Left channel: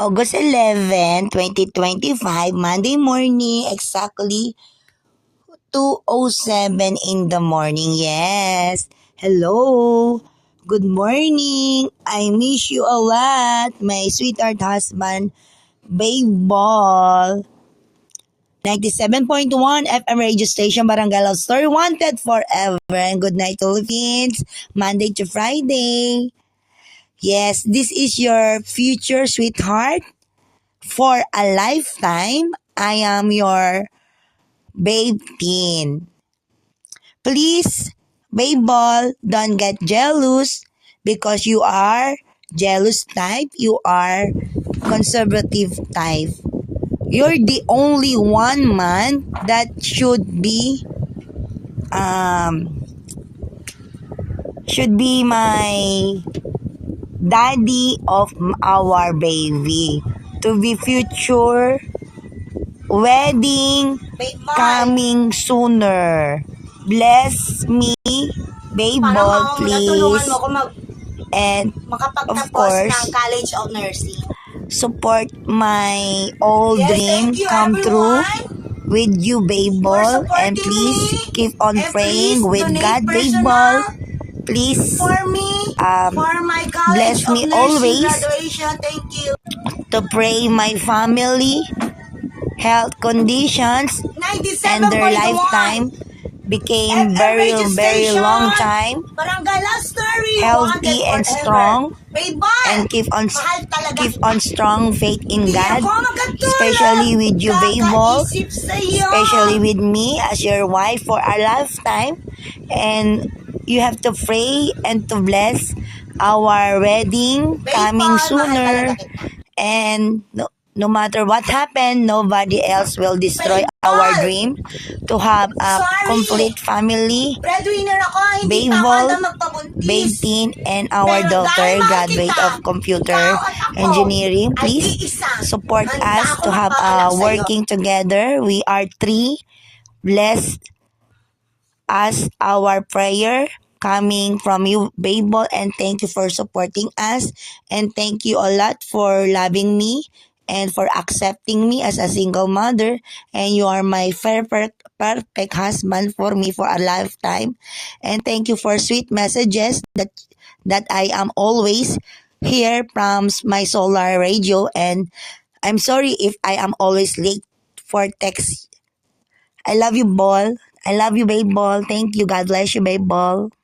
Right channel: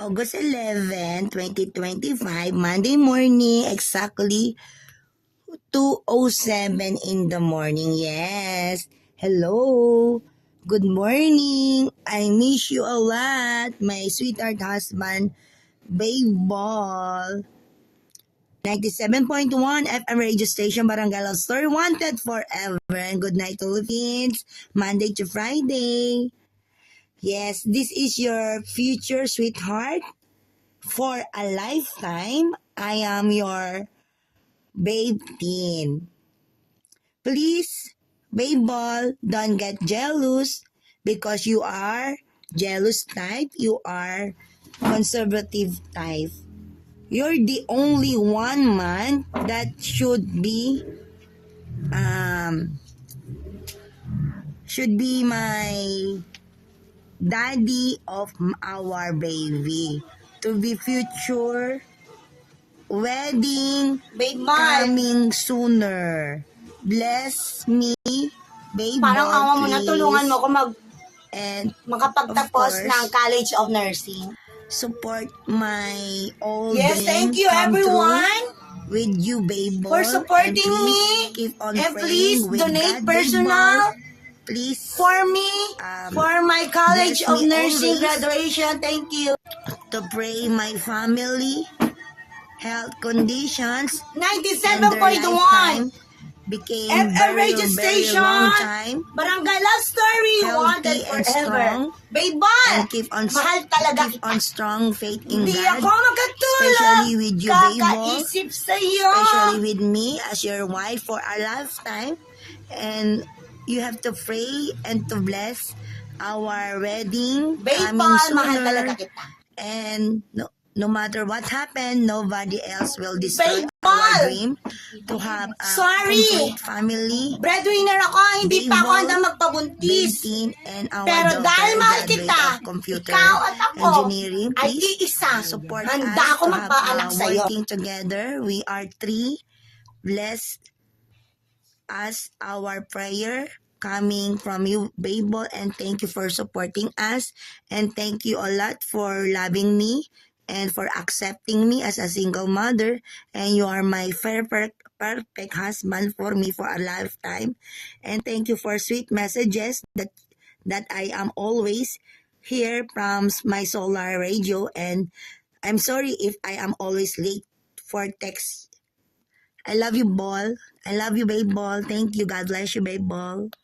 August 11, 2025, Monday morning, exactly 2:07 in the morning. Yes. Hello. Good morning. I miss you a lot, my sweetheart husband, Babe Ball. 97.1 FM radio station, Barangay Love Story, wanted forever. And good night, Philippines. Monday to Friday. Yes, this is your future sweetheart for a lifetime. I am your Babe Teen. Please, Babe Ball, don't get jealous because you are jealous type. You are conservative type. You're the only one man that should be my daddy of our baby, to be future wedding coming sooner. Bless me, Babe Parang Ball, mama mo na, tulungan mo please. ako And of makapagtapos course, ng College of Nursing. support my old Yes, dream thank you come true everyone with you, Babe for Ball. And supporting please me. keep on And praying please with donate God, Babe personal Ball. Please for me, for my College bless of me Nursing always graduation. Thank you. to pray my family health conditions and their 97.1 lifetime became FM very, radio very station. long time, Barangay Love Story, healthy wanted and forever. strong, Babe Ball, and keep mahal talaga kita. on strong faith in Hindi God, ako magkatulog. especially with you, Babe Ball, Kakaisip sa'yo. especially with me as your wife for a lifetime. And you have to pray and to bless our wedding Babe coming Ball, mahal sooner. talaga kita. And no matter what happened, nobody else will destroy Babe our Ball, dream to have a sorry. complete family. Breadwinner ako, hindi Babe pa ako Ball, handa Babe magpabuntis. Teen, and our Pero daughter, dahil mahal graduate kita, of computer ikaw at ako engineering. ay Please iisa. support Handa us ako to have magpaanak sa'yo. working together. We are three. Bless us our prayer coming from you, Babe Ball, and thank you for supporting us, and thank you a lot for loving me and for accepting me as a single mother, and you are my perfect husband for me for a lifetime. And thank you for sweet messages that I am always here from my solar radio. And I'm sorry if I am always late for text. I love you, Ball. I love you, Babe Ball. Thank you. God bless you, Babe Ball.